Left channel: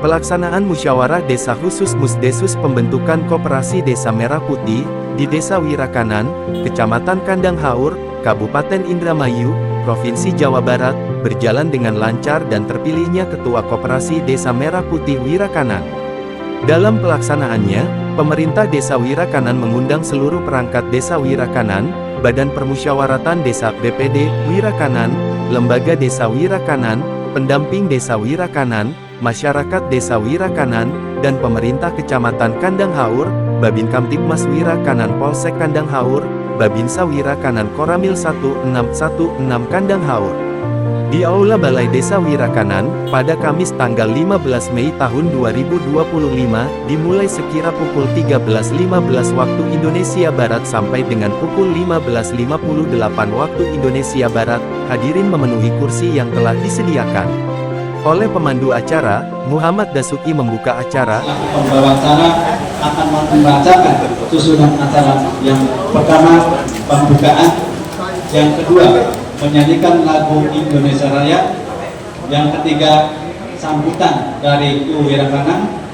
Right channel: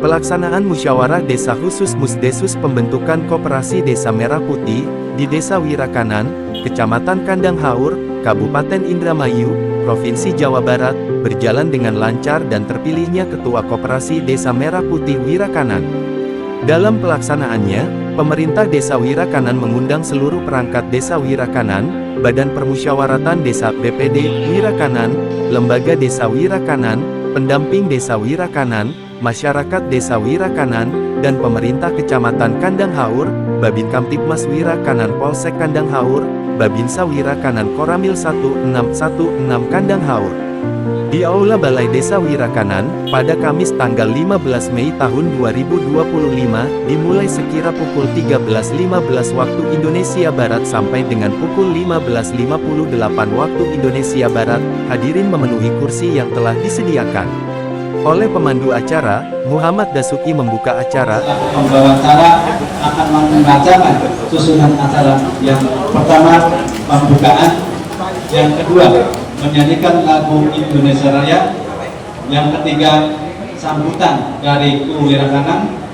Pelaksanaan Musyawarah Desa Khusus Musdesus pembentukan Koperasi Desa Merah Putih, di Desa Wirakanan, Kecamatan Kandang Haur, Kabupaten Indramayu, Provinsi Jawa Barat, berjalan dengan lancar dan terpilihnya Ketua Koperasi Desa Merah Putih Wirakanan. Dalam pelaksanaannya, pemerintah Desa Wirakanan mengundang seluruh perangkat Desa Wirakanan, Badan Permusyawaratan Desa BPD Wirakanan, Lembaga Desa Wirakanan, pendamping Desa Wirakanan, masyarakat Desa Wirakanan, dan pemerintah Kecamatan Kandang Haur, Babin Kamtibmas Wirakanan Polsek Kandang Haur, Babinsa Wirakanan Koramil 1616 Kandang Haur. Di Aula Balai Desa Wirakanan, pada Kamis tanggal 15 Mei tahun 2025, dimulai sekira pukul 13.15 waktu Indonesia Barat sampai dengan pukul 15.58 waktu Indonesia Barat, hadirin memenuhi kursi yang telah disediakan. Oleh pemandu acara, Muhammad Dasuki membuka acara. Pembawa acara akan membacakan susunan acara. Yang pertama, pembukaan. Yang kedua, menyanyikan lagu Indonesia Raya. Yang ketiga, sambutan dari Kru Wirakanan.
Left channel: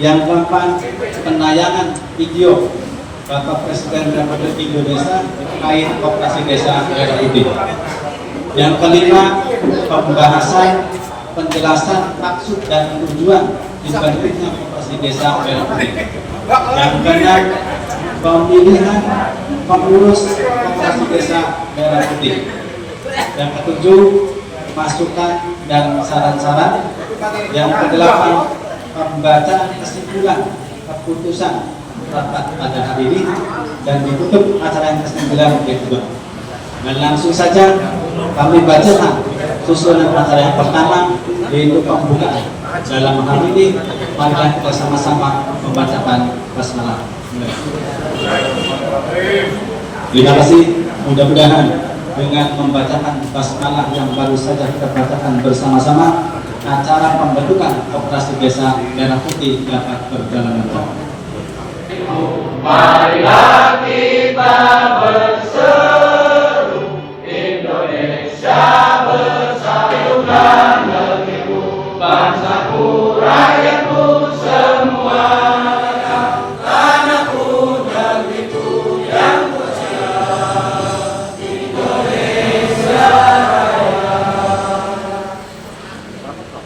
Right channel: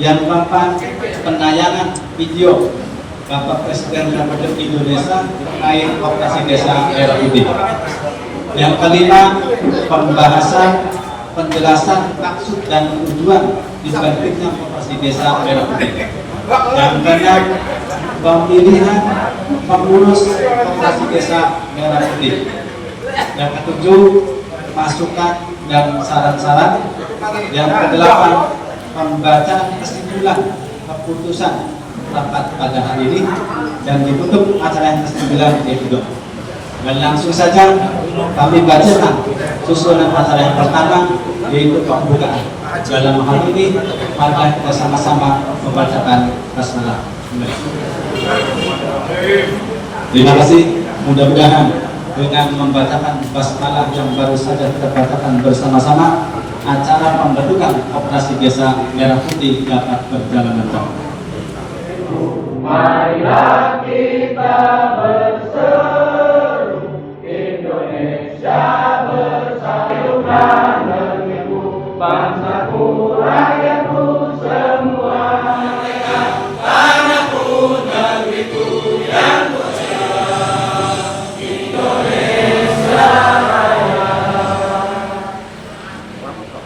Yang keempat, penayangan video Bapak Presiden Republik Indonesia terkait Koperasi Desa Merah Putih. Yang kelima, pembahasan penjelasan maksud dan tujuan dibentuknya Koperasi Desa Merah Putih. Yang keenam, pemilihan pengurus Koperasi Desa Merah Putih. Yang ketujuh, masukan dan saran-saran. Yang kedelapan, pembacaan kesimpulan keputusan rapat pada hari ini, dan ditutup acara yang ke-9 yaitu doa. Dan langsung saja kami bacakan susunan acara yang pertama, yaitu pembukaan. Dalam hal ini, marilah kita sama-sama membacakan basmalah. Terima kasih. Mudah-mudahan dengan membacakan basmalah yang baru saja kita bacakan bersama-sama, acara pembentukan Koperasi Desa Merah Putih dapat berjalan lancar. Marilah kita berseru, Indonesia bersatukan negeriku, bangsaku, rakyatku semuanya, tanahku, negeriku yang mulia, Indonesia Raya.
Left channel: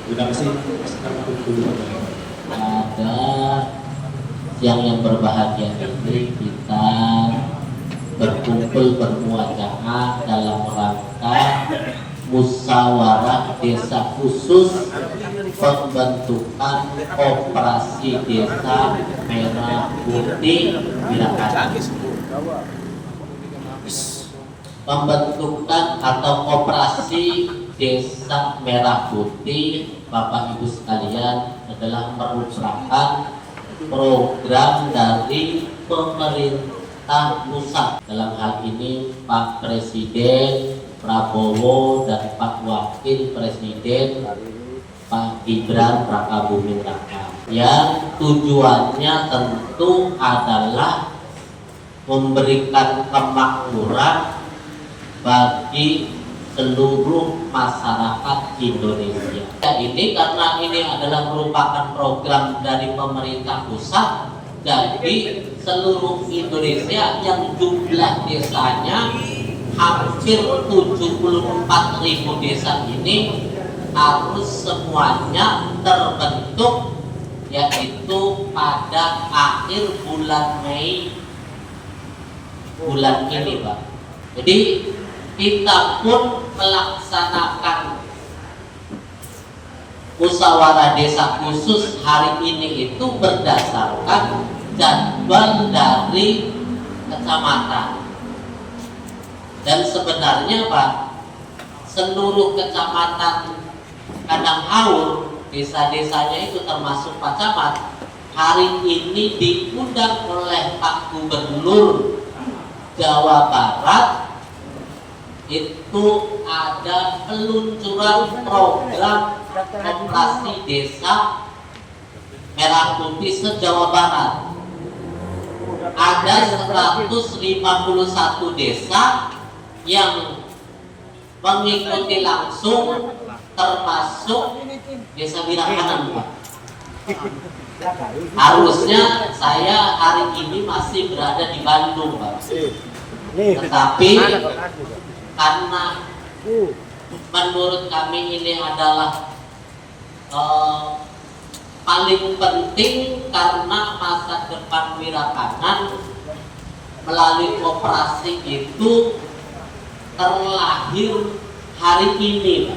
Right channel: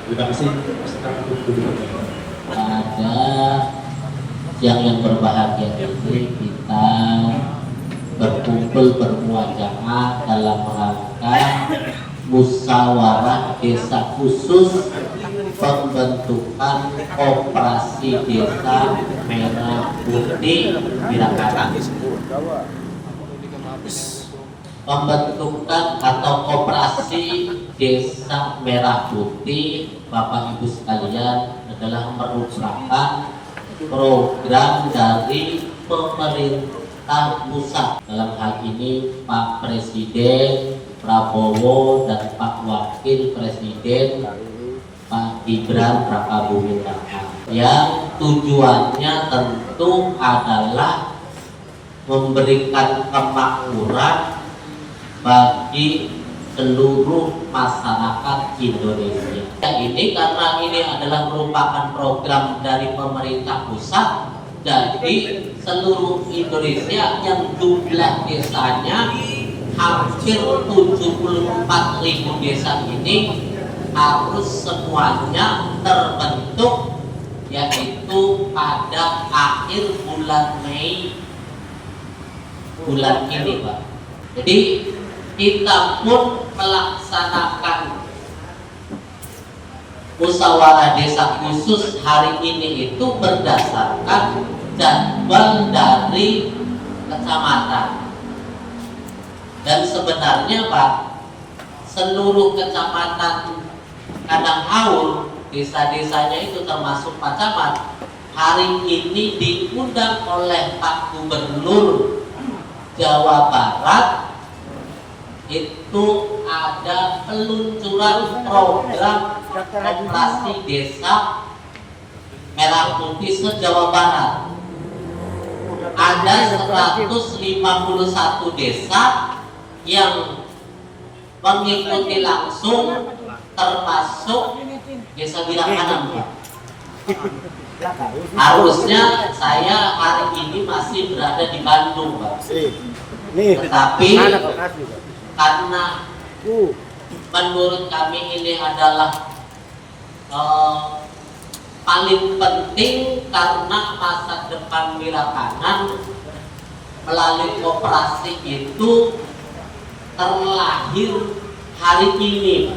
Terima kasih. Yang berbahagia ini kita berkumpul bermuaja'ah dalam rangka musyawarah desa khusus pembentukan Koperasi Desa Merah Putih Wirakanan. Pembentukan atau Koperasi Desa Merah Putih, Bapak Ibu sekalian, adalah merupakan program dari pemerintah pusat. Dalam hal ini Pak Presiden Prabowo dan Pak Wakil Presiden Pak Gibran Rakabuming Raka, yang tujuannya tentu adalah memberikan kemakmuran bagi seluruh masyarakat Indonesia. Ini karena ini adalah merupakan program dari pemerintah pusat, jadi seluruh Indonesia yang jumlah desanya hampir 74.000 desa ini harus semuanya terbentuk, yaitu pada akhir bulan Mei bulan ini, Pak. Jadi kita pun melaksanakan musyawarah desa khusus hari ini itu berdasarkan jadwal dari kecamatan. Dan sebenarnya Pak, seluruh kecamatan Kandang Haur, desa-desanya itu termasuk Pak Camat, hari ini diundang oleh Pak Gubernur Jawa Barat. Itu ada peluncuran program Koperasi Desa Merah Putih se-Jawa Barat. Ada 151 desa yang mengikuti langsung, termasuk Desa Wirakanan, Pak. Harusnya saya hari ini masih berada di Bandung, Pak. Tetapi karena menurut kami ini adalah paling penting karena masa depan Wirakanan melalui koperasi itu terlahir hari ini,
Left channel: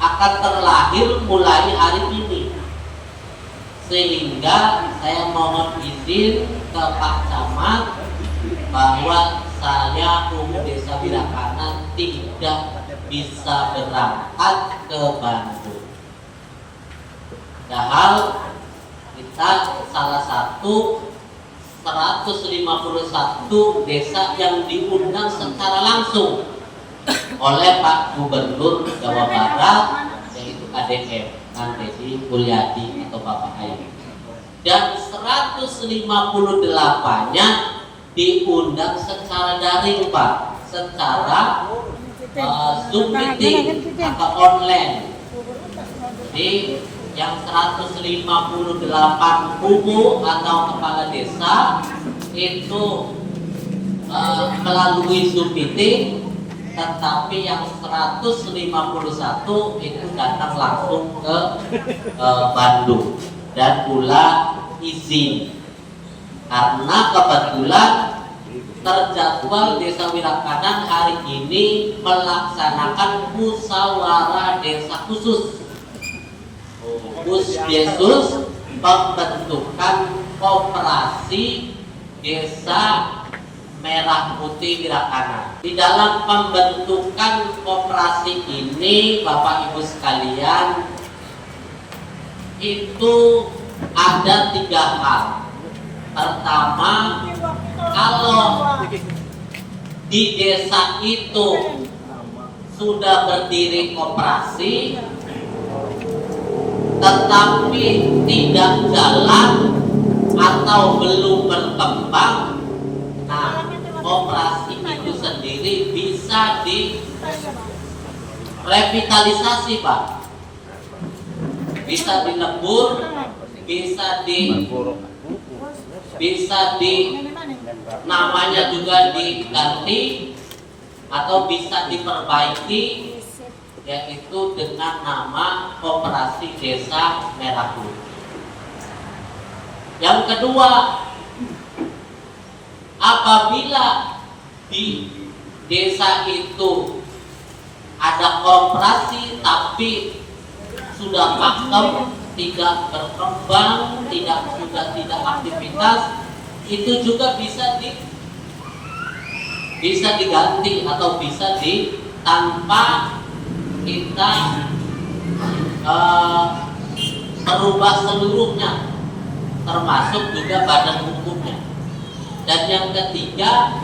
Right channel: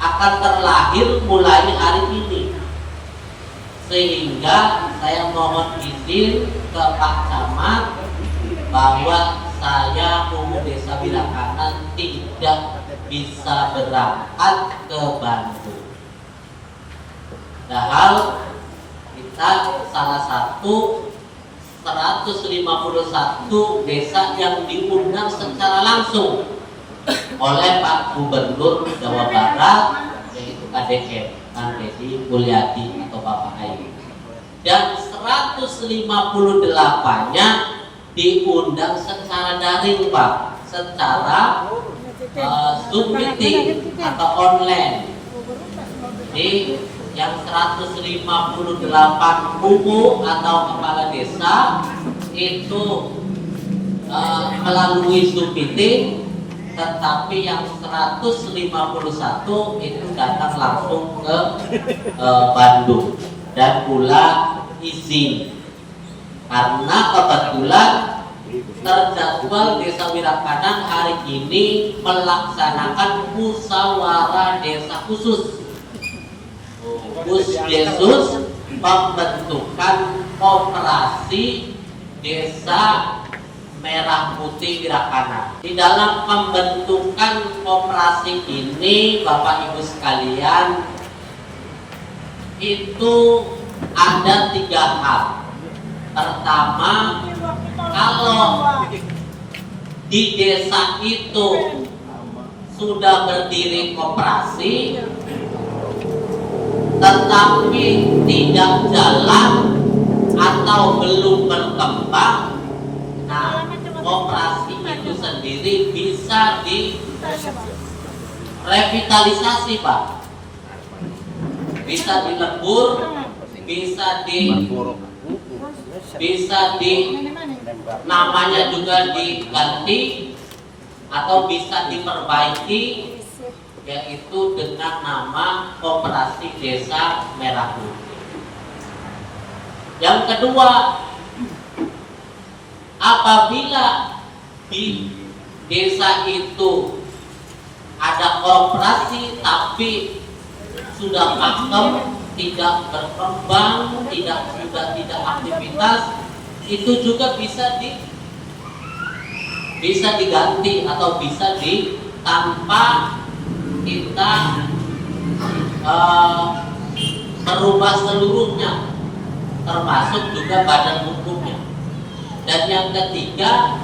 akan terlahir mulai hari ini, sehingga saya mohon izin ke Pak Camat bahwa saya Desa Wirakanan tidak bisa berangkat ke Bandung. Padahal kita salah satu 151 desa yang diundang secara langsung oleh Pak Gubernur Jawa Barat, yaitu KDM Kang Deddy Mulyadi atau Bapak Ayi, dan 158-nya diundang secara daring, Pak, secara Zoom meeting atau online. Jadi yang 158 kubu atau kepala desa itu melalui Zoom meeting, tetapi yang 151 itu datang langsung ke Bandung dan pula izin karena kebetulan terjadwal Desa Wirakanan hari ini melaksanakan musyawarah desa khusus Yesus pembentukan koperasi Desa Merah Putih Wirakanan. Di dalam pembentukan koperasi ini, Bapak Ibu sekalian, itu ada 3 hal. Pertama, kalau di desa itu sudah berdiri koperasi tetapi tidak jalan atau belum berkembang, nah koperasi itu sendiri bisa direvitalisasi, Pak, bisa dilebur, bisa namanya juga diganti atau bisa diperbaiki, yaitu dengan nama Koperasi Desa Merah Putih. Yang kedua, apabila di desa itu ada koperasi tapi sudah pakem, tidak berkembang, tidak aktivitas, itu juga bisa diganti atau bisa tanpa kita merubah seluruhnya, termasuk juga badan hukumnya. Dan yang ketiga,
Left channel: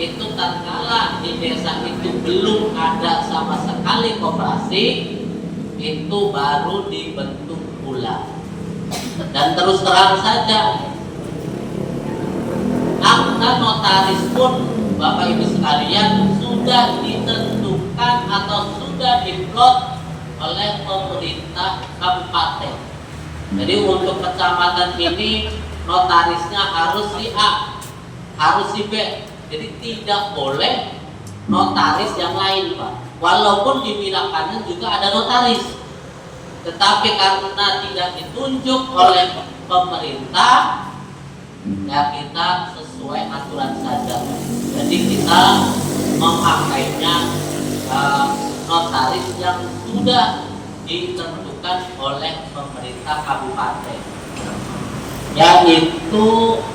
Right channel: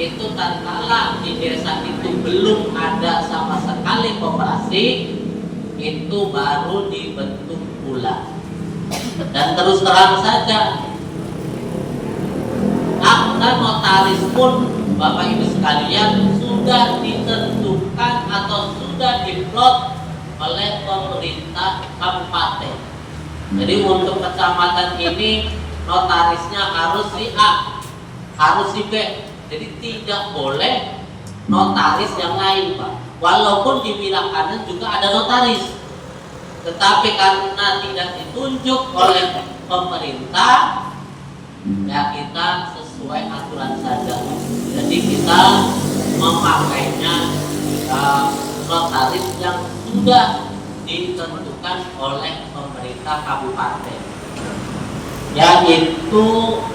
itu tatkala di desa itu belum ada sama sekali koperasi, itu baru dibentuk pula. Dan terus terang saja, akta notaris pun Bapak Ibu sekalian sudah ditentukan atau sudah diplot oleh pemerintah kabupaten. Jadi untuk kecamatan ini notarisnya harus si A, harus si B. Jadi tidak boleh notaris yang lain, Pak. Walaupun di Wirakanan juga ada notaris, tetapi karena tidak ditunjuk oleh pemerintah, ya kita sesuai aturan saja. Jadi kita memakainya notaris yang sudah ditentukan oleh pemerintah kabupaten, yaitu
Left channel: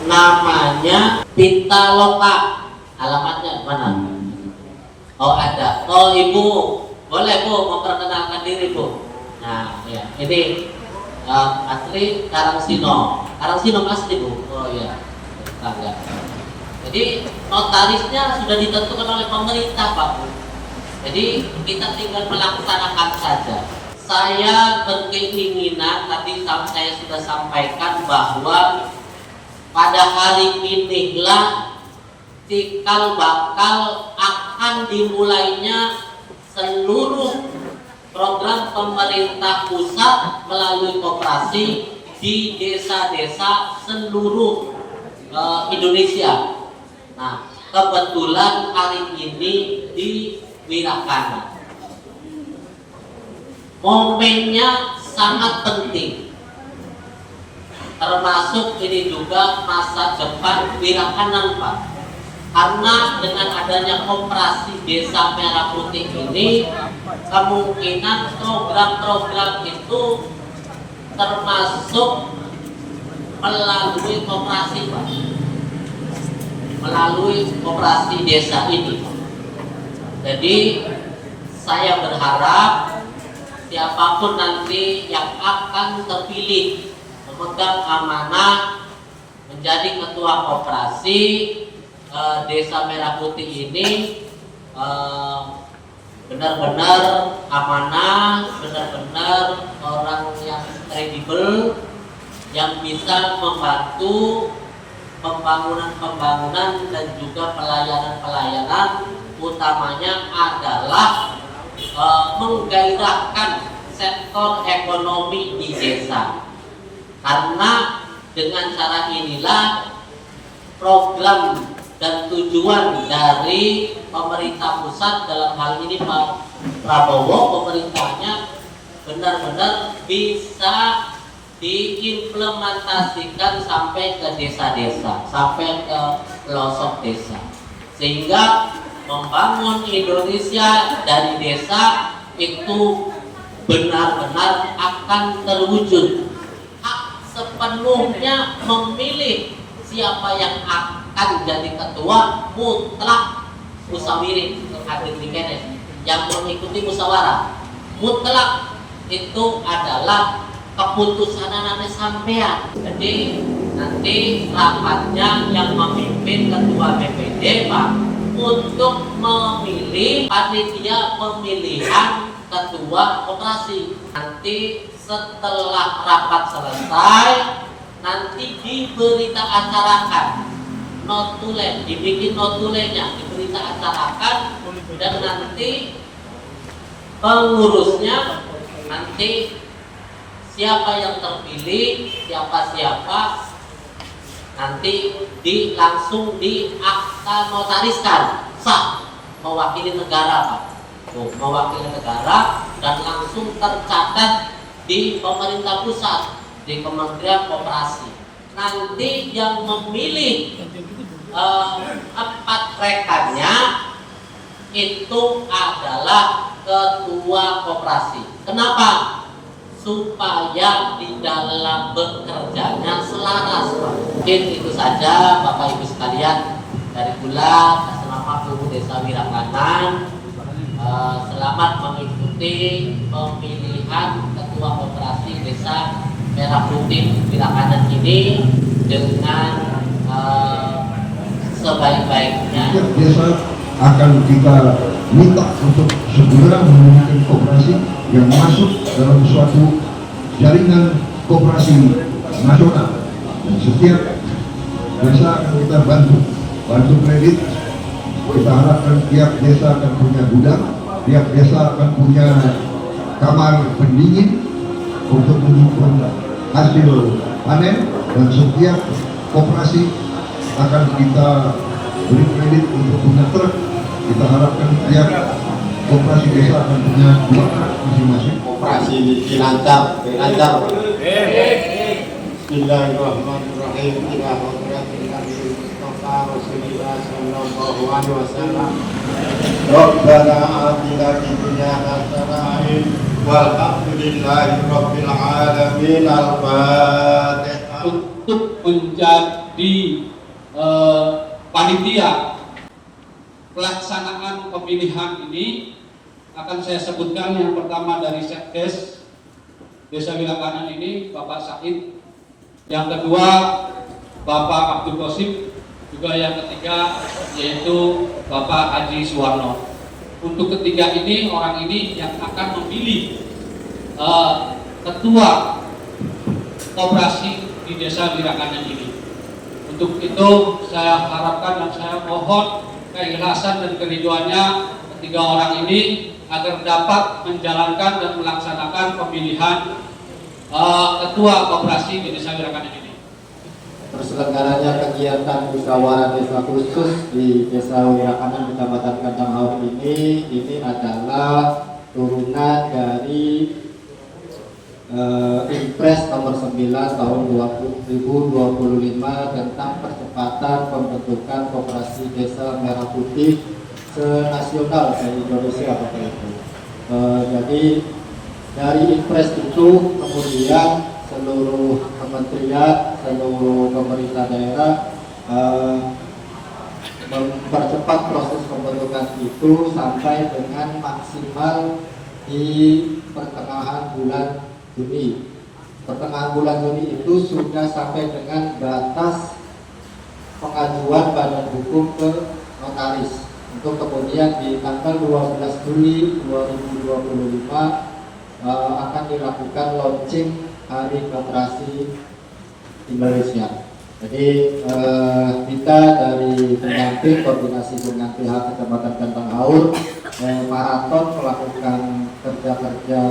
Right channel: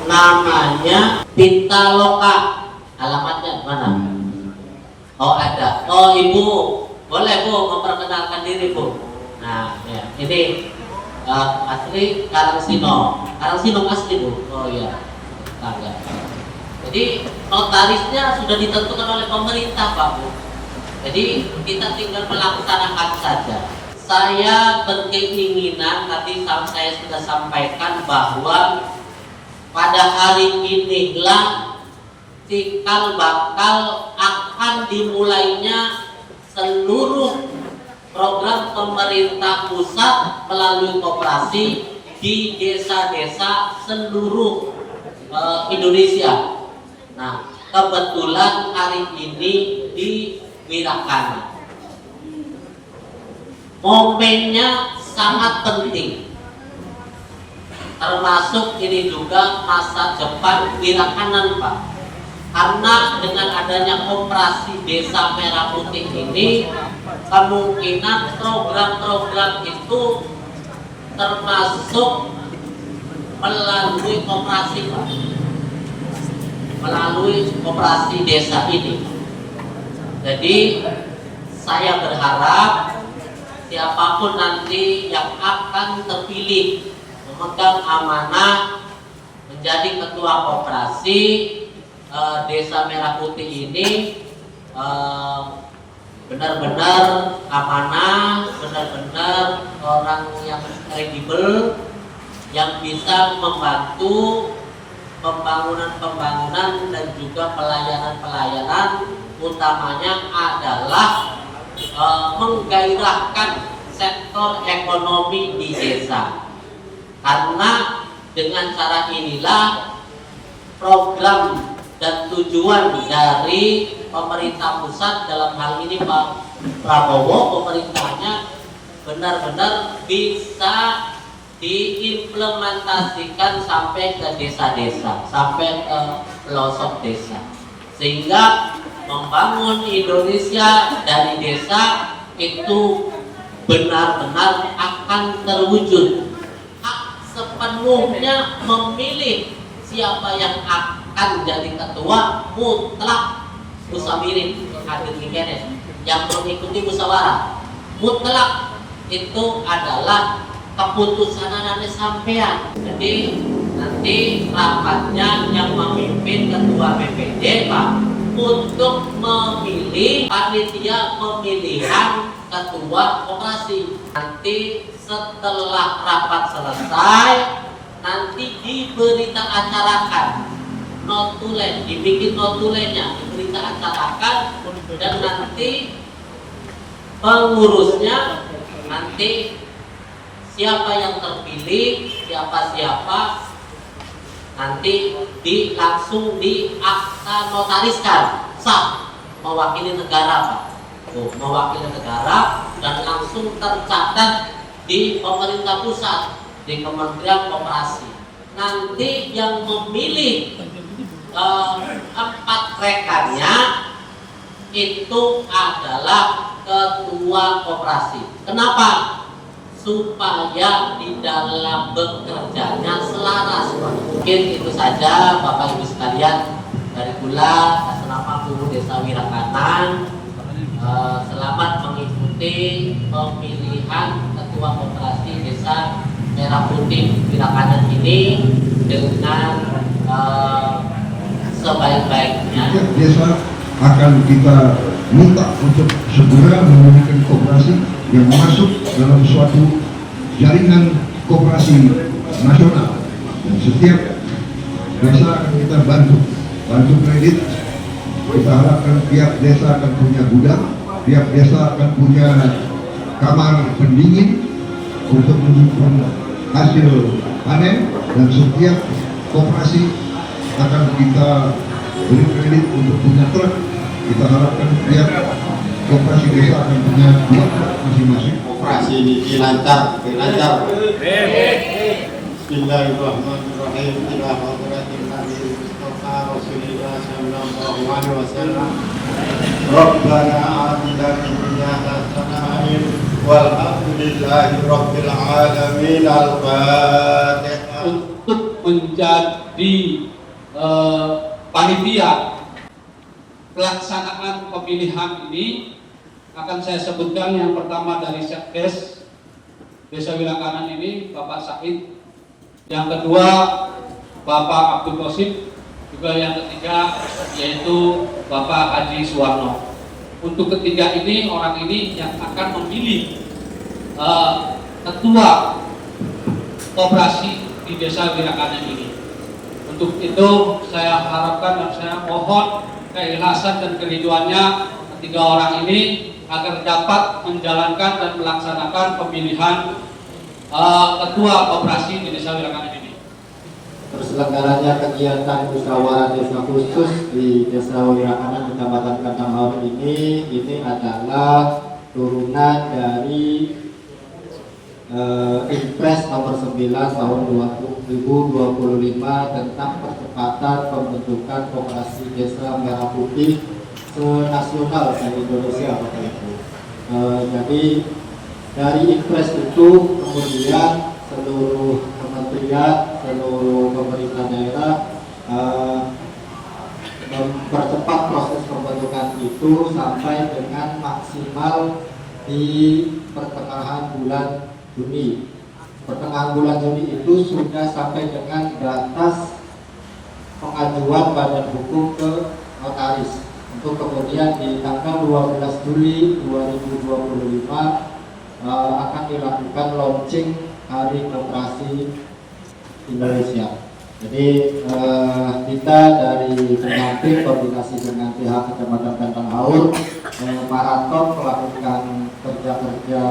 namanya Pitaloka. Alamatnya mana? Oh ada. Oh Ibu, boleh Bu memperkenalkan diri Bu. Nah ya, ini asli Karangsino asli Bu. Oh iya, ya. Jadi notarisnya sudah ditentukan oleh pemerintah Pak Bu. Jadi kita tinggal melaksanakan saja. Saya berkeinginan, tadi saya sudah sampaikan bahwa pada hari inilah cikal bakal akan dimulainya seluruh program pemerintah pusat melalui koperasi di desa-desa seluruh Indonesia. Nah, kebetulan hari ini di Wirakana. Momennya sangat penting, termasuk ini juga masa depan Wirakanan, Pak. Karena dengan adanya koperasi Desa Merah Putih ini, kemungkinan program-program itu termasuk melalui koperasi, Pak. Melalui koperasi desa ini. Jadi saya berharap siapapun nanti yang akan terpilih memegang amanah menjadi ketua koperasi Desa Merah Putih ini benar-benar amanah, benar-benar orang yang kredibel, yang bisa membantu pembangunan dan juga pelayanan-pelayanan, utamanya adalah menggairahkan sektor ekonomi di desa. Karena dengan cara inilah program dan tujuan dari pemerintah pusat, dalam hal ini Pak Prabowo, pemerintahnya benar-benar bisa diimplementasikan sampai ke desa-desa, sampai ke pelosok desa, sehingga membangun Indonesia dari desa itu benar-benar akan terwujud. Hak sepenuhnya memilih siapa yang akan jadi ketua mutlak musyawirin hadir di kene, yang mengikuti musyawarah mutlak itu adalah keputusan anak sampean. Jadi nanti rapatnya yang memimpin ketua BPD, Pak, untuk memilih panitia pemilihan ketua koperasi. Nanti setelah rapat selesai, nanti diberita acarakan notulen, dibikin notulennya, diberita acarakan, dan nanti pengurusnya nanti siapa yang terpilih, siapa nanti langsung di akta notariskan sah mewakili negara, Pak. Tuh, mewakili negara dan langsung tercatat di pemerintah pusat, di Kementerian Koperasi. Nanti yang memilih 4 rekannya itu adalah ketua koperasi. Kenapa? Supaya di dalam bekerjanya selaras. Mungkin itu saja Bapak Ibu sekalian dari Kula. Selamat Guru Desa Wirakanan, selamat mengikuti pemilihan ketua koperasi Desa Merah Putih Wirakanan ini dengan sebaik-baiknya. Desa akan kita minta untuk segera memiliki koperasi yang masuk dalam suatu jaringan koperasi nasional, dan setiap desa akan kita bantu kredit. Kita harapkan tiap desa akan punya gudang, tiap desa akan punya kamar pendingin untuk mendukung hasil panen, dan setiap koperasi akan kita beri kredit untuk punya truk. Kita harapkan tiap koperasi desa akan punya 2 truk masing-masing. Koperasi ini lancar. Bismillahirrahmanirrahim. Ila hadratin Nabi Mustafa Rasulullah sallallahu alaihi wasallam. Rabbana atina fid dunya hasanah walhamdulillahi rabbil alamin. Al-Fatihah. Untuk menjadi panitia pelaksanaan pemilihan ini akan saya sebutkan. Yang pertama dari Sekdes Desa Wirakanan ini Bapak Said, yang kedua Bapak Abdul Qosib, juga yang ketiga yaitu Bapak Haji Suwarno. Untuk ketiga ini, orang ini yang akan memilih ketua koperasi di Desa Wirakanan ini. Untuk itu saya harapkan dan saya mohon keikhlasan dan keriduannya ketiga orang ini agar dapat menjalankan dan melaksanakan pemilihan ketua koperasi di Desa Wirakanan ini. Terselenggaranya kegiatan musyawarah desa khusus di Desa Wirakanan Kecamatan Kandang Haur ini adalah turunan dari Impres nomor 9 tahun 2025 tentang percepatan pembentukan koperasi desa merah putih senasional se-Indonesia Bapak Ibu. Jadi dari Impres itu kemudian seluruh kementerian, seluruh pemerintah daerah mempercepat proses pembentukan itu sampai dengan maksimal di pertengahan bulan Juni. Pertengahan bulan Juni itu sudah sampai dengan batas pengajuan badan hukum ke notaris untuk kemudian di tanggal 12 Juli 2025 akan dilakukan launching Hari Koperasi Indonesia. Jadi kita dari pengantin koordinasi dengan pihak Kecamatan Kandang Haur maraton melakukan kerja-kerja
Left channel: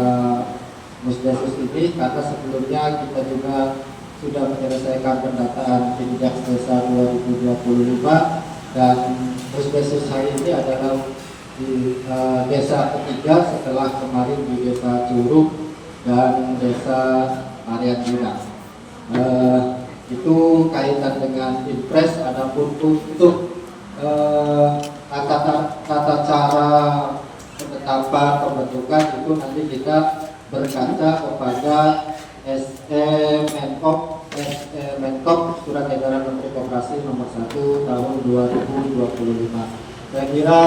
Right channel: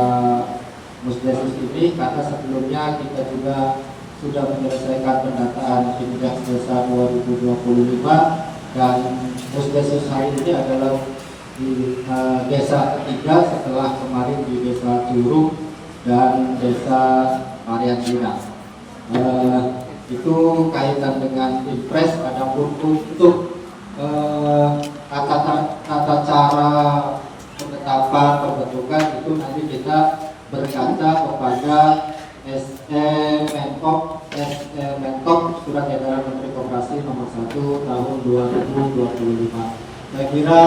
Musdesus ini karena sebelumnya kita juga sudah menyelesaikan pendataan indeks desa 2025 dan Musdesus hari ini adalah di desa ketiga setelah kemarin di Desa Curug dan Desa Ariandina. Itu kaitan dengan Impres. Adapun untuk tata cara penetapan pembentukan itu nanti kita berkaca kepada Menkop Surat Edaran Menteri Koperasi nomor 1 tahun 2025. Saya kira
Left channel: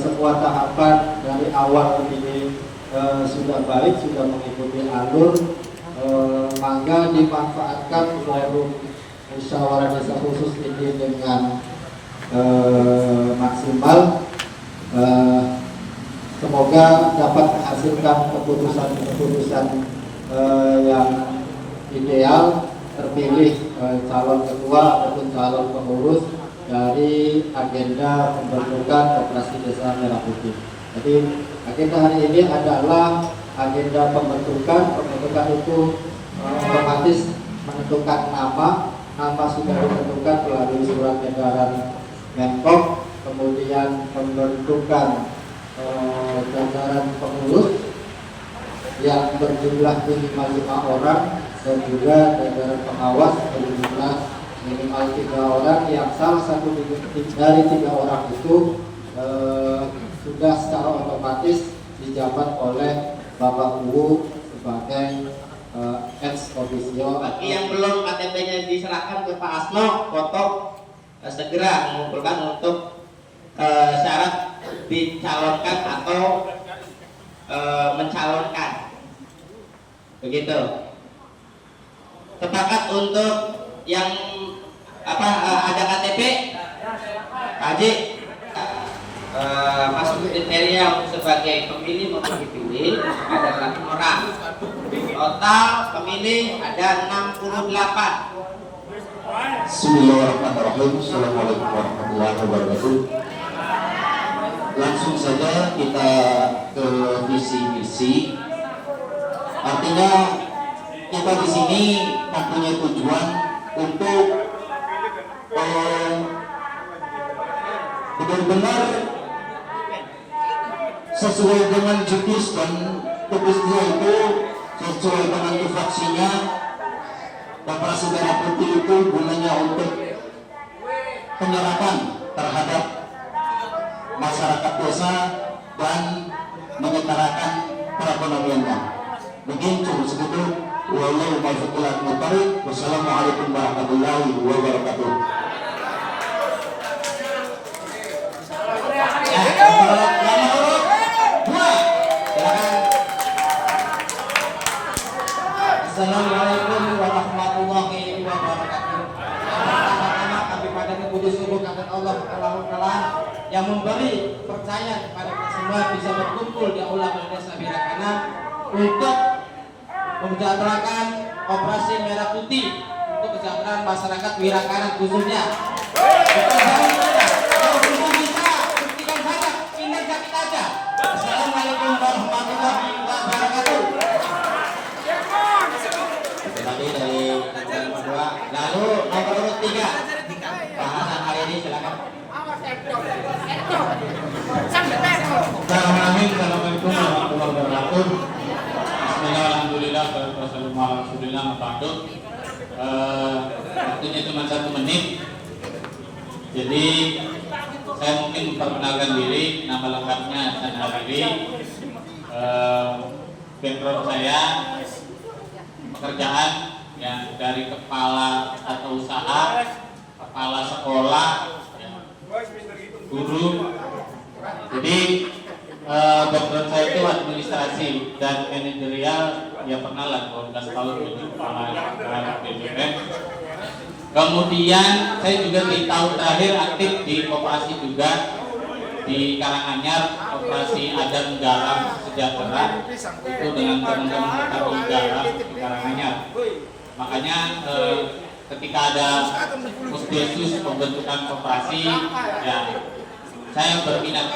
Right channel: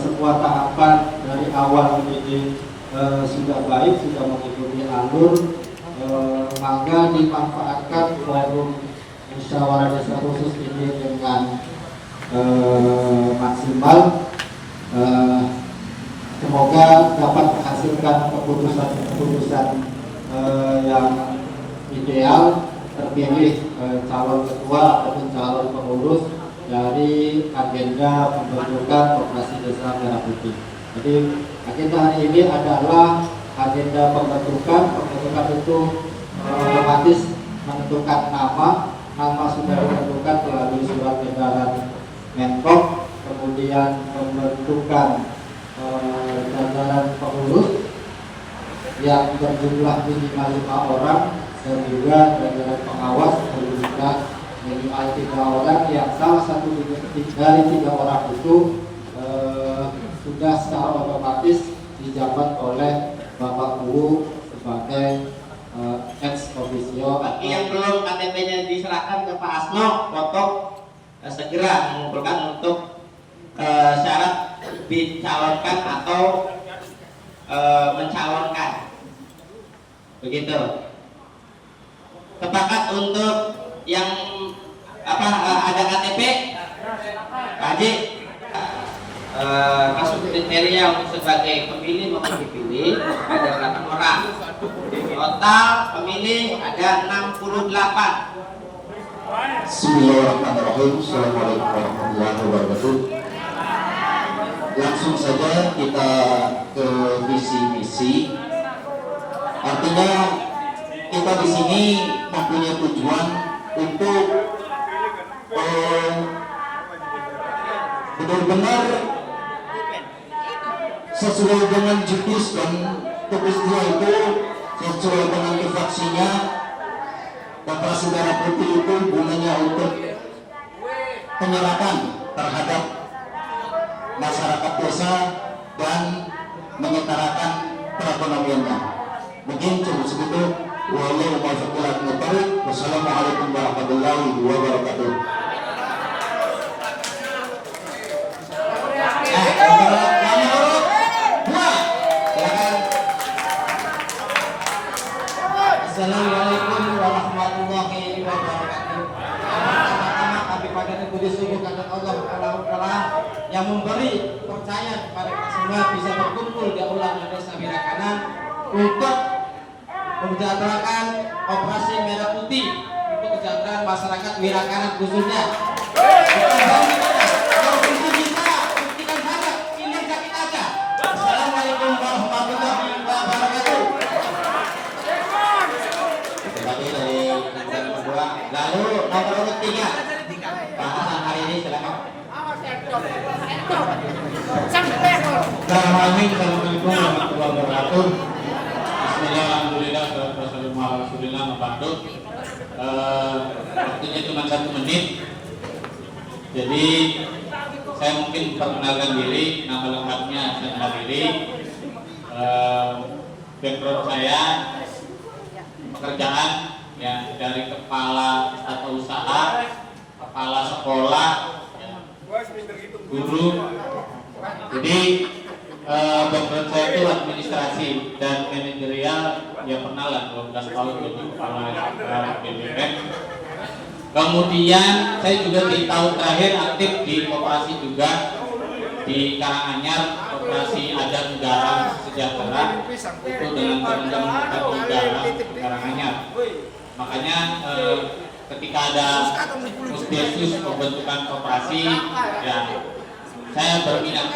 sebuah tahapan dari awal ini sudah baik, sudah mengikuti alur. Maka dimanfaatkan forum musyawarah desa khusus ini dengan maksimal. Semoga dapat menghasilkan keputusan-keputusan yang ideal, terpilih calon ketua ataupun calon pengurus dari agenda pembentukan koperasi desa merah putih. Jadi agenda hari ini adalah agenda pembentukan itu otomatis menentukan nama sudah ditentukan melalui surat edaran Menkop, kemudian pembentukan jajaran pengurus yang berjumlah minimal 5 orang dan juga jajaran pengawas berjumlah minimal 3 orang yang salah satu dari 3 orang itu sudah secara otomatis dijabat oleh Bapak Uu sebagai ex officio. Bagi yang belum KTP-nya diserahkan ke Pak Asno, foto segera mengumpulkan untuk syarat dicalonkan atau mencalonkan. Begitu. Sepakat untuk yang ada KTP, Pak Haji, masuk kriteria sebagai pemilih maupun dipilih ada 8 orang. Total pemilih ada 68. Bismillahirrahmanirrahim. Assalamualaikum warahmatullahi wabarakatuh. Langsung saja kita ke visi misi. Artinya kita di sini mempunyai tujuan untuk benar-benar sesuai dengan judis dan tugas dia itu sesuai dengan tupoksinya. Koperasi merah putih itu gunanya untuk penyerapan terhadap masyarakat desa dan menyetarakan perekonomiannya. Mungkin cukup segitu. Wallahu muwaffiq. Wassalamualaikum warahmatullahi wabarakatuh. Assalamualaikum warahmatullahi wabarakatuh. Pertama-tama kami panjatkan puji syukur kepada Allah Ta'ala yang memberi percaya kepada kita semua bisa berkumpul di aula Desa Wirakanan untuk mensejahterakan Koperasi Merah Putih, untuk kesejahteraan masyarakat Wirakanan khususnya. Kita bisa buktikan saja, ini sakit aja. Assalamualaikum Assalamualaikum warahmatullahi wabarakatuh. Tadi dari yang kedua, lalu nomor urut 3 bahasan hari ini silakan. Assalamualaikum warahmatullahi wabarakatuh. Bismillah, alhamdulillah, wassalamualaikum warahmatullahi wabarakatuh. Waktunya cuma 1 menit. Jadi saya mungkin memperkenalkan diri, nama lengkapnya Hasan Hariri. Background saya pekerjaan yang dari kepala atau usaha, kepala sekolah, guru. Jadi background saya itu administrasi dan manajerial, ya pernah lah 12 tahun jadi kepala BBM. Kemudian saya juga di tahun terakhir aktif di koperasi juga di Karanganyar, koperasi Adan Garam Sejahtera, itu dengan teman-teman kita di Garam di Karanganyar. Makanya ketika ada Musdesus pembentukan koperasi, ya saya berminat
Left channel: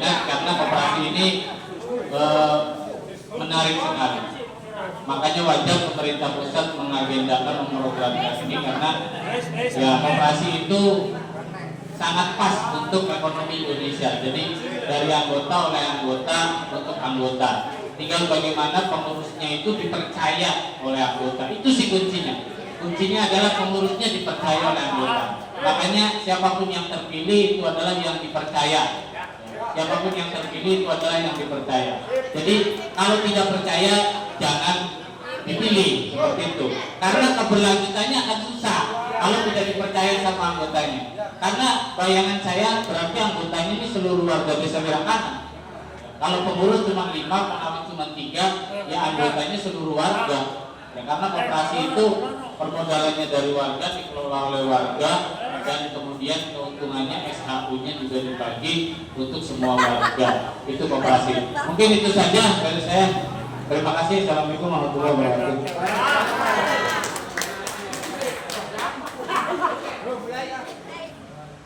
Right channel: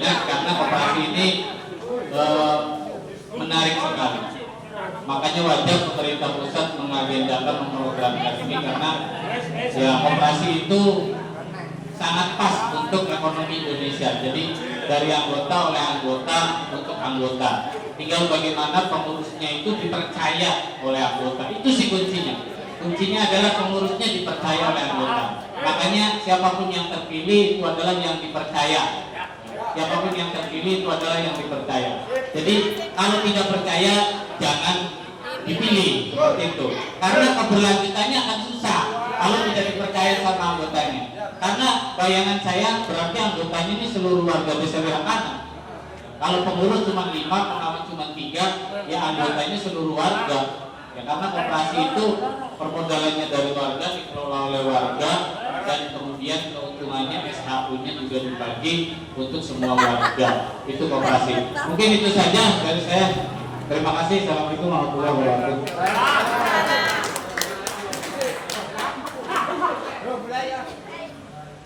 karena koperasi ini menarik sekali. Makanya wajar pemerintah pusat mengagendakan memprogramkan ini karena ya koperasi itu sangat pas untuk ekonomi Indonesia. Jadi dari anggota oleh anggota untuk anggota. Tinggal bagaimana pengurusnya itu dipercaya oleh anggota. Itu sih kuncinya. Kuncinya adalah pengurusnya dipercaya oleh anggota. Makanya siapapun yang terpilih itu adalah yang dipercaya. Siapapun yang terpilih itu adalah yang dipercaya. Jadi kalau tidak percaya jangan dipilih seperti itu. Karena keberlanjutannya akan susah kalau tidak dipercaya sama anggotanya. Karena bayangan saya berarti anggotanya ini seluruh warga desa Wirakanan. Kalau pengurus cuma 5, pengawal cuma 3, ya anggotanya seluruh warga. Ya, karena koperasi itu permodalannya dari warga, dikelola oleh warga, dan kemudian keuntungannya SHU-nya juga dibagi untuk semua warga. Itu koperasi. Mungkin itu saja dari saya. Terima kasih. Assalamualaikum warahmatullahi wabarakatuh.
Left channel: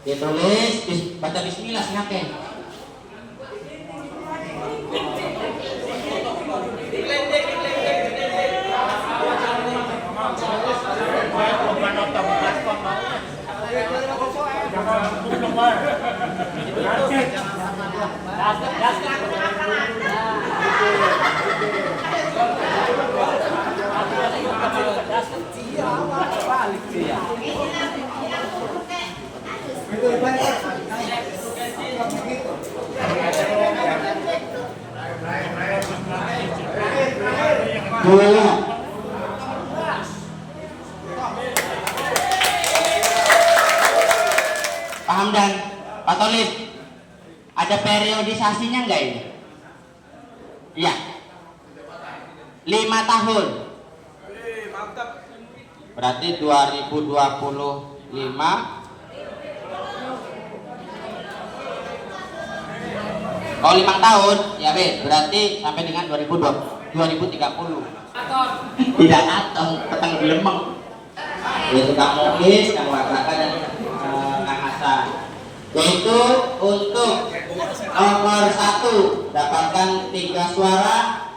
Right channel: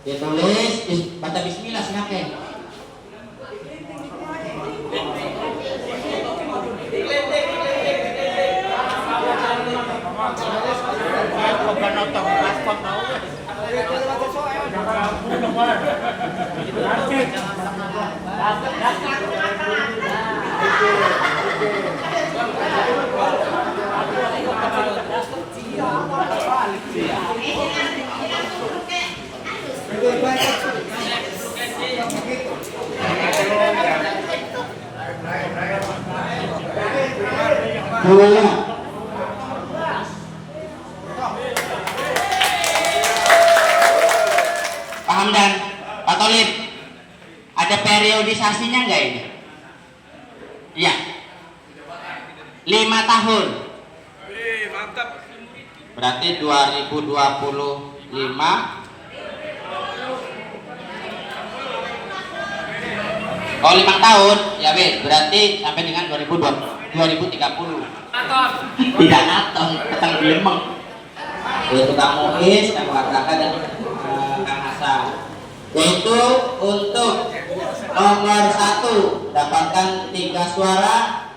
Ditulis, baca bismillah silakan. Pak Hamdan, Pak Tolib, ada periodisasinya enggak ini? Iya. 5 tahun. Mantap. Berarti 2025. Oh 5 tahun, ya be, berarti sampai dengan 2030. Tidak atom, petang Lemeng. Yaitu Kang Muhis, Kang Wakaka dan Kang Hasan. Yaitu untuk nomor 1 dapatkan 3 suara,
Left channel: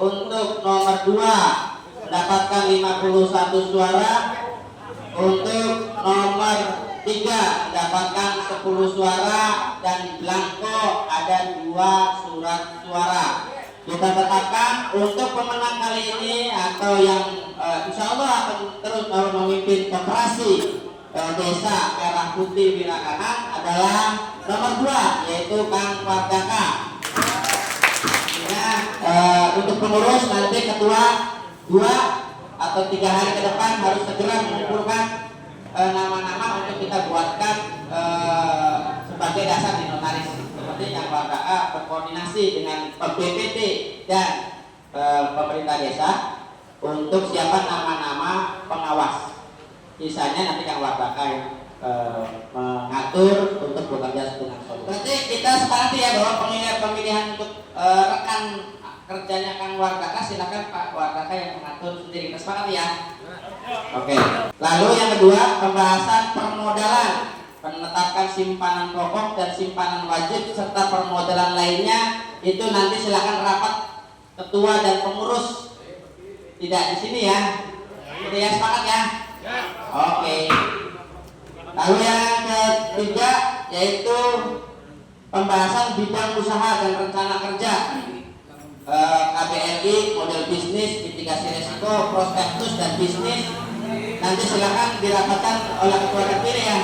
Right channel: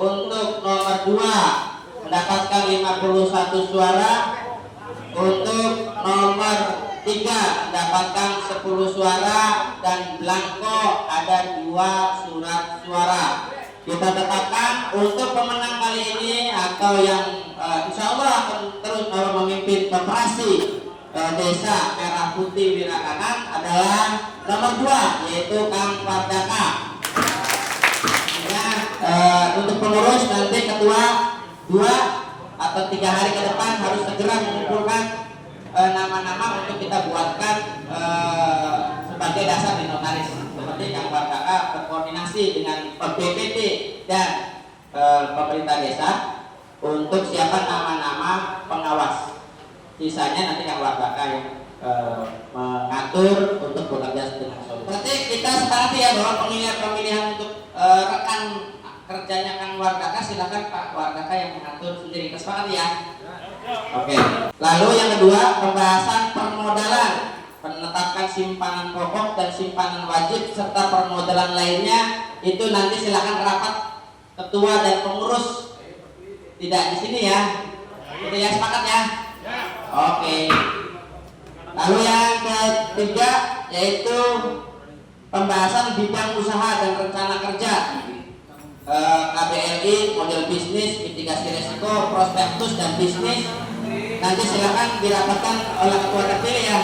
untuk nomor 2 mendapatkan 51 suara, untuk nomor 3 mendapatkan 10 suara, dan blanko ada 2 surat suara. Kita tetapkan untuk pemenang kali ini atau yang insya Allah akan terus memimpin koperasi desa Merah Putih Wirakanan adalah nomor 2, yaitu Kang Wardaka. Ya, untuk pengurus nanti ketua 2 atau 3 hari ke depan harus segera mengumpulkan nama-nama untuk kita buatkan sebagai dasar di notaris. Seperti yang Wardaka berkoordinasi dengan BPT dan pemerintah desa untuk siapa nama-nama pengawas. Sisanya nanti Kang Wardaka yang mengatur untuk bekerja dengan solusi. Berarti kita sepakati ya bahwa pemilihan untuk rekan kerjanya Kang Wardaka, silakan Pak Wardaka yang mengatur sendiri. Kita sepakati ya. Oke. Lalu yang kedua, pembahasan permodalan, penetapan simpanan pokok dan simpanan wajib serta permodalan lainnya itu nanti silakan rapat ketua dan pengurus, tidak di sini ya. Udah ya, sepakat ya? Oke. Lalu yang ketiga yaitu pembahasan bidang usaha dan rencana kerja, KBRI, model bisnis, mitigasi risiko, prospektus dan bisnis. Nanti silakan dirapatkan oleh ketua terpilih ya.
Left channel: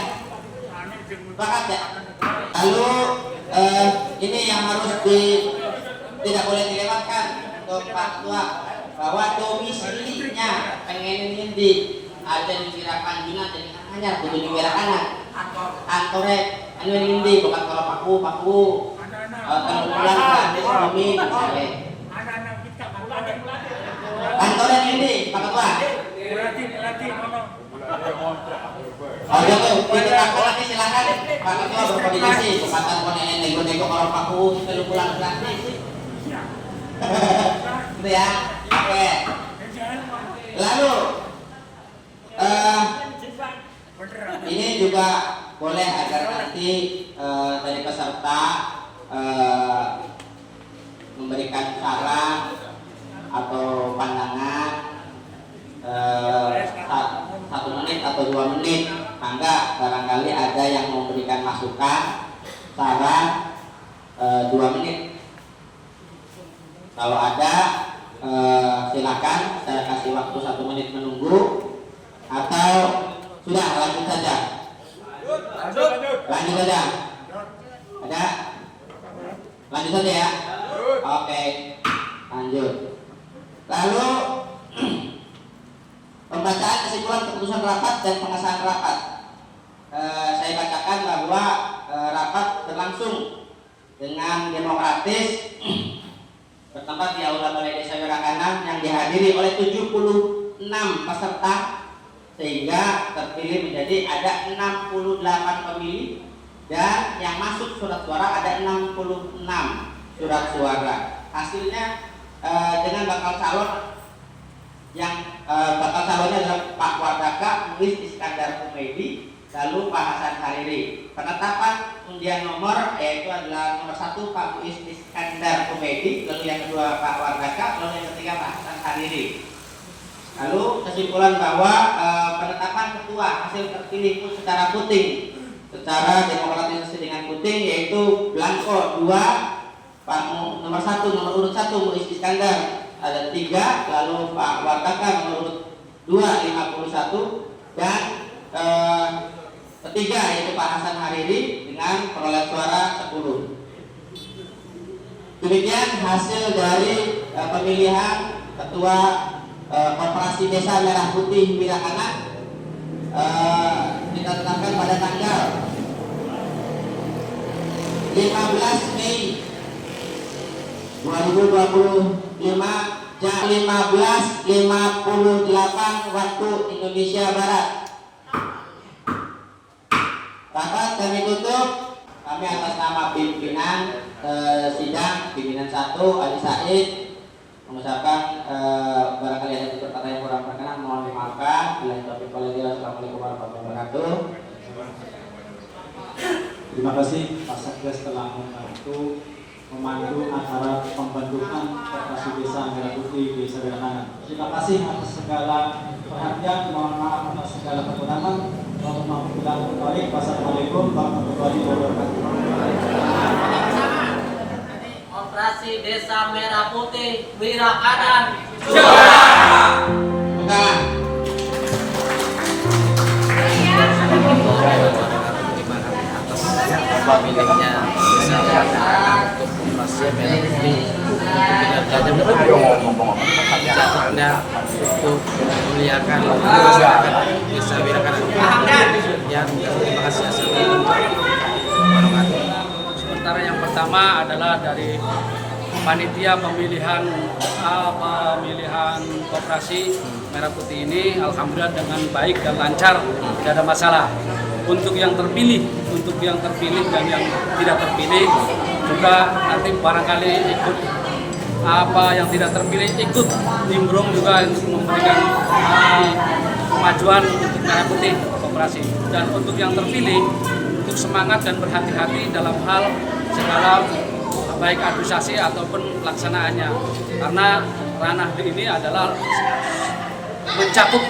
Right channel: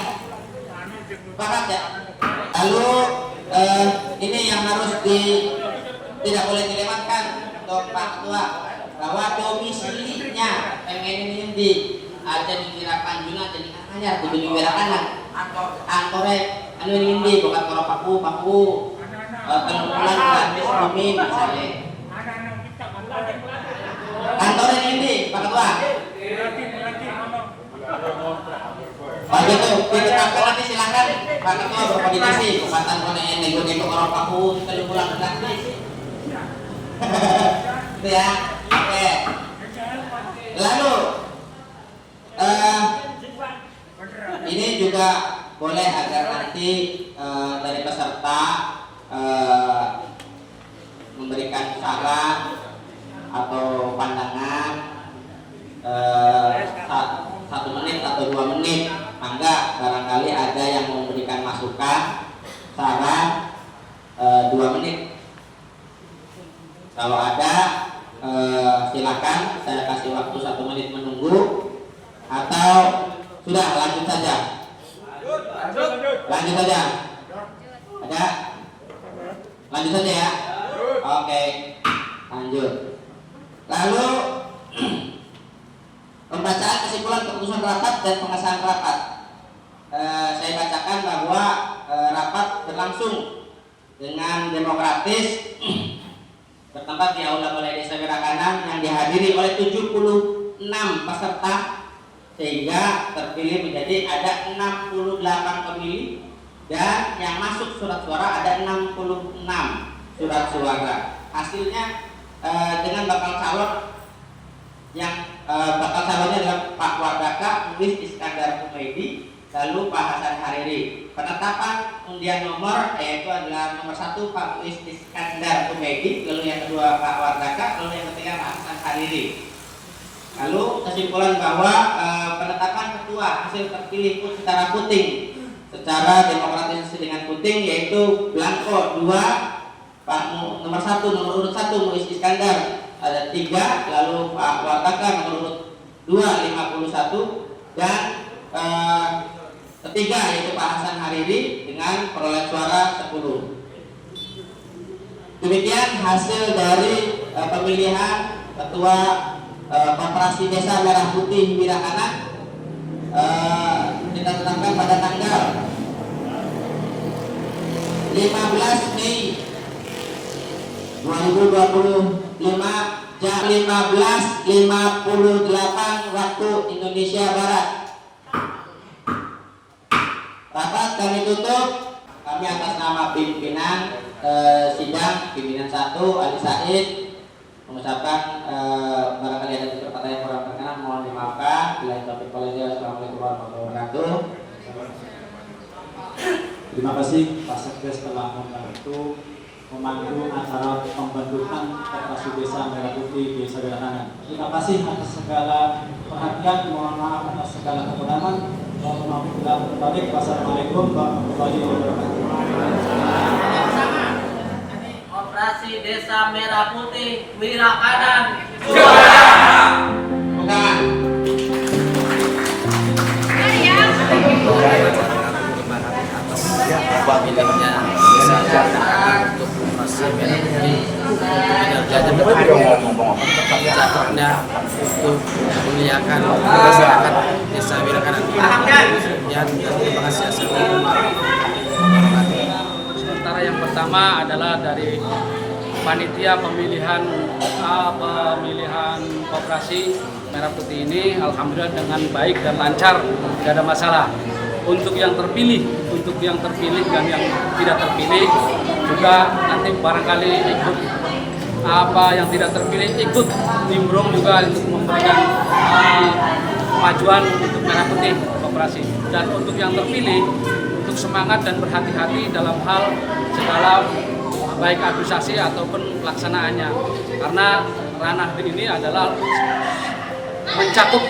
Sepakat ya? Lalu ini yang harus tidak boleh dilewatkan untuk Pak Ketua, bahwa domisilinya pengen ini ada di Wirakanjuna, ada di Anyar, di Wirakanan, kantornya anu ini bukan kalau paku terpulang gratis bumi misalnya. Kantornya ini Pak Ketua. Oh gitu, ditetapkan nanti silakan Pak Ketua berkoordinasi bukan koneksi nego-nego orang paku terpulang gratis. Itu ya. Oke. Lalu ini juga boleh agar nanti dari peserta memberikan saran atau pandangan 1 menit atau 2 menit. Mangga barangkali ada yang memberikan masukan saran 2 menit. Kalau ada silakan, saya kasih waktu 1 menit menunggu, atau sudah lanjut saja. Lanjut saja. Ada? Lanjut saja ya. Oke, lanjut. Lalu pembacaan kesimpulan keputusan rapat dan pengesahan rapat. Saya bacakan bahwa rapat berlangsung dengan demokratis bertempat di Aula Balai Desa Wirakanan yang dihadiri oleh 76 peserta, sehingga terpilih menjadi ada 68 pemilih dan yang masuk surat suara ada 66 surat suara. Hasilnya dengan bakal calon yang bakal calonnya adalah Pak Wardaka, Muiz Iskandar Kumedi, lalu Pak Hasan Hariri. Penetapan undian nomor yaitu adalah nomor 1 Pak Muiz Iskandar Kumedi, lalu yang kedua Pak Wardaka, lalu yang ketiga Pak Hasan Hariri. Lalu kesimpulan bahwa penetapan ketua hasil terpilih pun secara puting, secara demokratis dengan puting, yaitu blanko 2 Pak nomor 1 nomor urut 1 Muiz Iskandar ada 3, lalu Pak Wardaka nomor urut 2 51, dan ketiga yaitu Pak Hasan Hariri dengan perolehan suara 10. Demikian hasil dari pemilihan ketua Koperasi Desa Merah Putih Wirakanan. Kita tetapkan pada tanggal 15 Mei 2025 jam 15.58 waktu Indonesia Barat. Rapat kami tutup. Kami atas nama pimpinan sidang, pimpinan 1 Ali Said, mengucapkan barangkali ada beberapa yang kurang berkenan mohon dimaafkan. Bila itu Assalamualaikum warahmatullahi wabarakatuh. Terima kasih Pak Sekdes telah membantu memandu acara pembentukan Koperasi Desa Merah Putih Desa Wirakanan. Terima kasih atas segala perhatian, mohon maaf atas segala kekurangan. Wassalamualaikum warahmatullahi wabarakatuh. Koperasi Desa Merah Putih Wirakanan. Bukan. Atas pemilihnya Desa Wirakanan untuk Koperasi Merah Putih untuk kinerjanya kesejahteraannya untuk memuliakan masyarakat Desa Wirakanan. Dan terima kasih. Assalamualaikum warahmatullahi wabarakatuh. Sementara yang pertama adalah dari panitia pemilihan Koperasi Merah Putih ini, alhamdulillah dengan baik dan lancar, tidak ada masalah. Untuk yang terpilih dan yang tidak terpilih juga nanti barangkali ikut yang tidak terpilih ikut nimbrung juga untuk memberikan kemajuan untuk Merah Putih Koperasi. Dan untuk yang terpilih, untuk semangat dan berhati-hati dalam hal segala baik administrasi ataupun pelaksanaannya, karena ranah ini adalah mencakup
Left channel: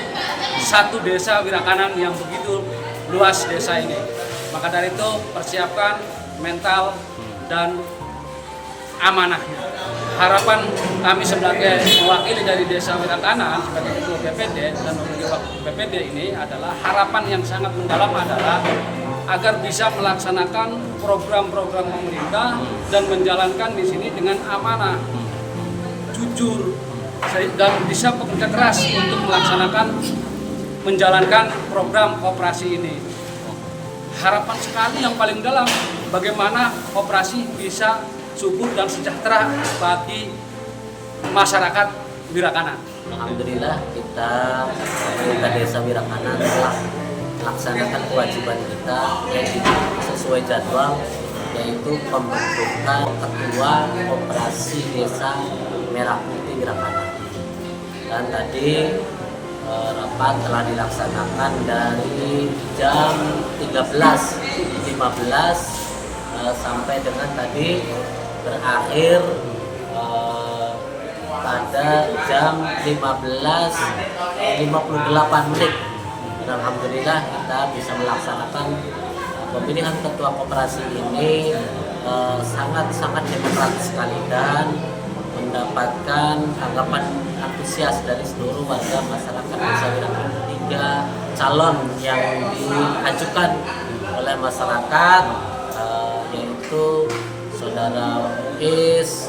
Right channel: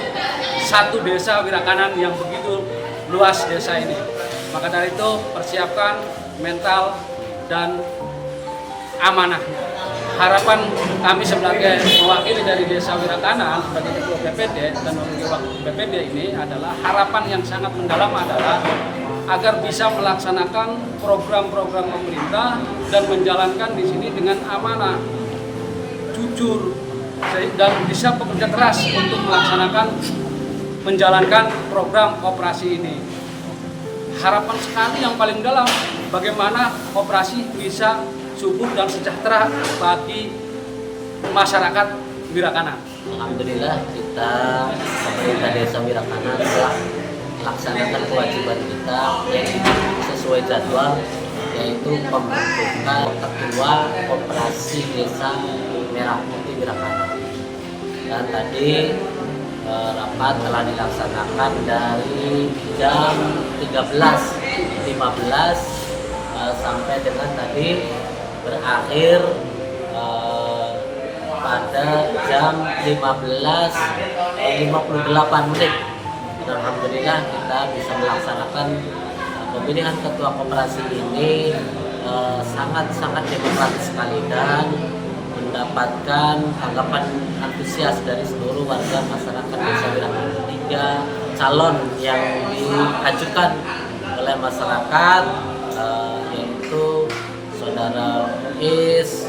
satu desa Wirakanan yang begitu luas desa ini. Maka dari itu persiapkan mental dan amanahnya. Harapan kami sebagai mewakili dari Desa Wirakanan sebagai Ketua BPD dan wakil BPD ini adalah harapan yang sangat mendalam adalah agar bisa melaksanakan program-program pemerintah dan menjalankan di sini dengan amanah, jujur, dan bisa bekerja keras untuk menjalankan program koperasi ini. Harapan sekali yang paling dalam bagaimana koperasi bisa subur dan sejahtera bagi masyarakat Wirakanan. Alhamdulillah kita pemerintah Desa Wirakanan telah melaksanakan kewajiban kita yang sesuai jadwal, yaitu pembentukan Ketua Koperasi Desa Merah Putih Wirakanan. Dan tadi rapat telah dilaksanakan dari jam 13.15 sampai dengan tadi berakhir pada jam 15.58 menit. Dan alhamdulillah kita bisa melaksanakan pemilihan ketua koperasi ini sangat-sangat demokratis sekali dan mendapatkan tanggapan antusias dari seluruh warga masyarakat Desa Wirakanan. 3 calon yang diajukan oleh masyarakat yaitu Saudara Muiz,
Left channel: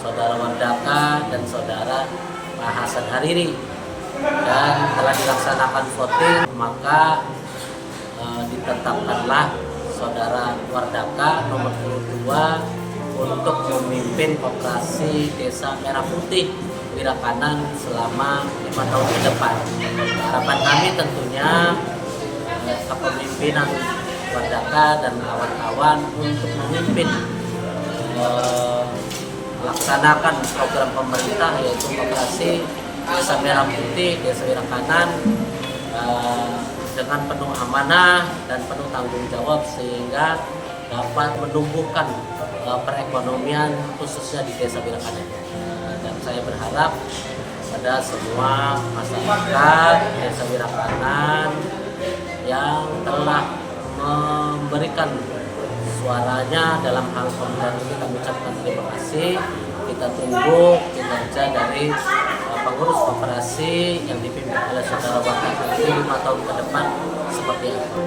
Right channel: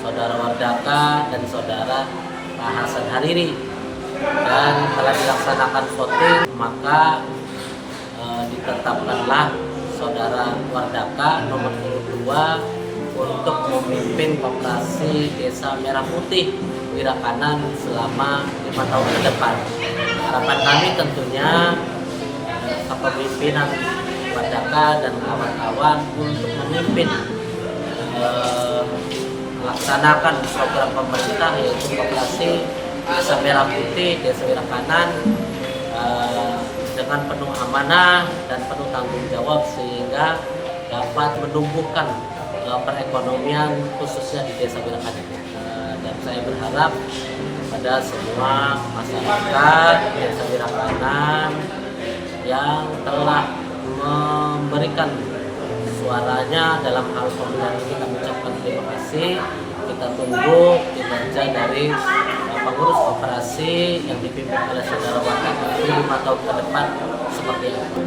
Saudara Wardaka, dan Saudara Pak Hasan Hariri, dan telah dilaksanakan voting, maka ditetapkanlah Saudara Wardaka nomor 22 untuk memimpin Koperasi Desa Merah Putih Wirakanan selama 5 tahun ke depan. Harapan kami tentunya kepemimpinan Wardaka dan kawan-kawan untuk memimpin melaksanakan program pemerintah yaitu Koperasi Desa Merah Putih Desa Wirakanan dengan penuh amanah dan penuh tanggung jawab sehingga dapat menumbuhkan perekonomian khususnya di Desa Wirakanan. Dan saya berharap pada semua masyarakat Desa Wirakanan yang telah memberikan suaranya dalam hal pemilihan ini, kami ucapkan terima kasih. Kita tunggu kinerja dari pengurus koperasi yang dipimpin oleh Saudara Wardaka 5 tahun ke depan seperti apa.